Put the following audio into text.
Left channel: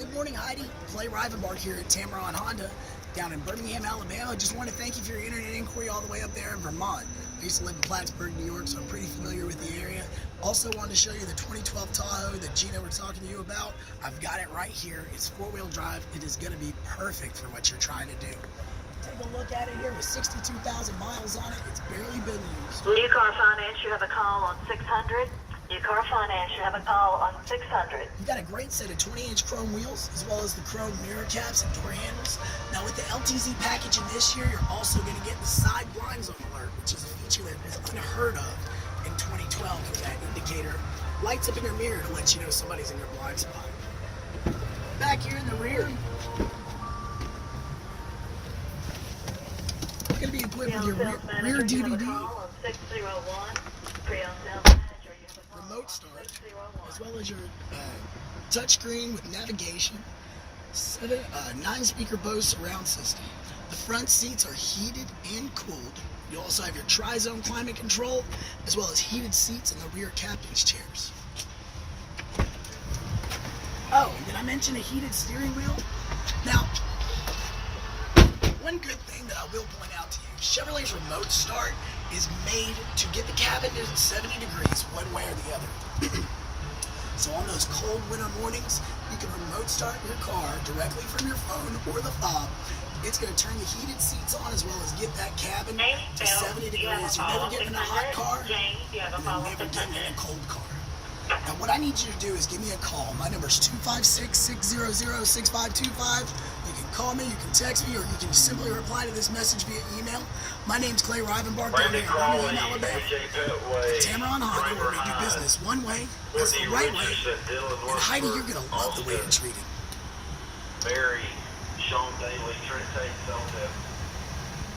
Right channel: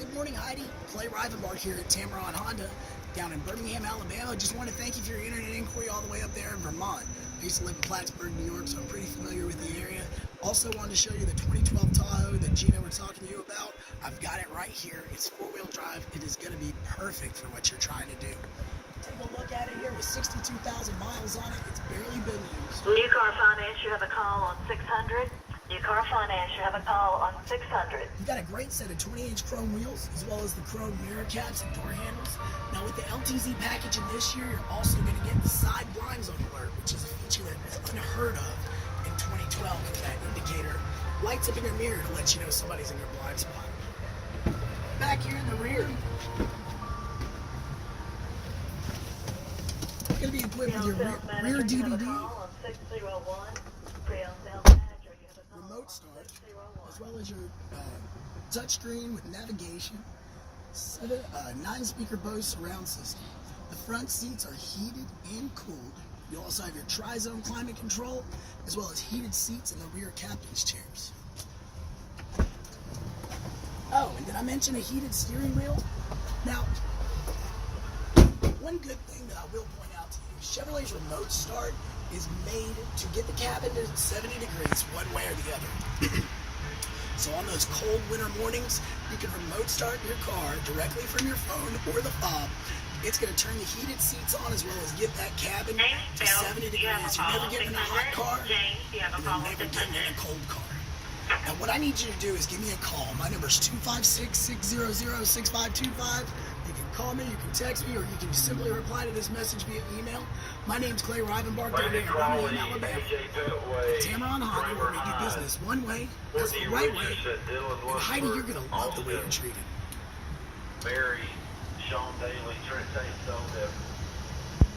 Good morning, Heidi. Clay Rivenbark here at Tameron Honda down in Birmingham, Alabama. Just want to thank you for your internet inquiry all the way up there in Vermont. I used to live in Plattsburgh, New York, so I'm pretty familiar with the area. Also wanted to show you the 2012 Tahoe that Gina was talking to you about. I've got it right here. It's four-wheel drive. It is going to be perfect for what you're trying to do. Take a look at it here with 62,000 miles on it. It's barely been used. New car finance, you have a call on 600. New car finance, you have a call on 600. You've got a great set of 20-inch chrome wheels, as well as the chrome mirror caps and door handles. Now with the LTZ package in this year, you're also going to get the side blinds on alert, which is a feature that was unheard of in 2012 with that indicator. Lights up in your mirror to let you know somebody's in your blind spot. Back here in the rear, you're going to be equipped with your rear DVD, remote start, as well as your touchscreen with navigation, 9-speaker Bose surround system. The front seats are heated and cooled. You also have your tri-zone climate control, as well as heated seats in the rear captain's chairs. Oh, and did I mention a heated steering wheel? Now, one good thing that I will point out to you, Chevrolet's remote start is made to get the cabin to 70 degrees one way or the other. So on those cold winter mornings, you can remote start your car directly from your phone or the fob. It's going to turn the heated seats on as well as get that cabin to 70 degrees. You're never getting in a hot car, you're never getting in a cold car. Now what I need you to do is give me a call. My number is 256-600-6525. You can call me, you can text me, or you can simply reply to this message via email. My name's Clay Rivenbark down here in Birmingham, Alabama. At Tameron Honda, where we do business one way, that's the right way. And Heidi, you're going to love the way you're treated. Mary, Sean Daly, Trent Tate,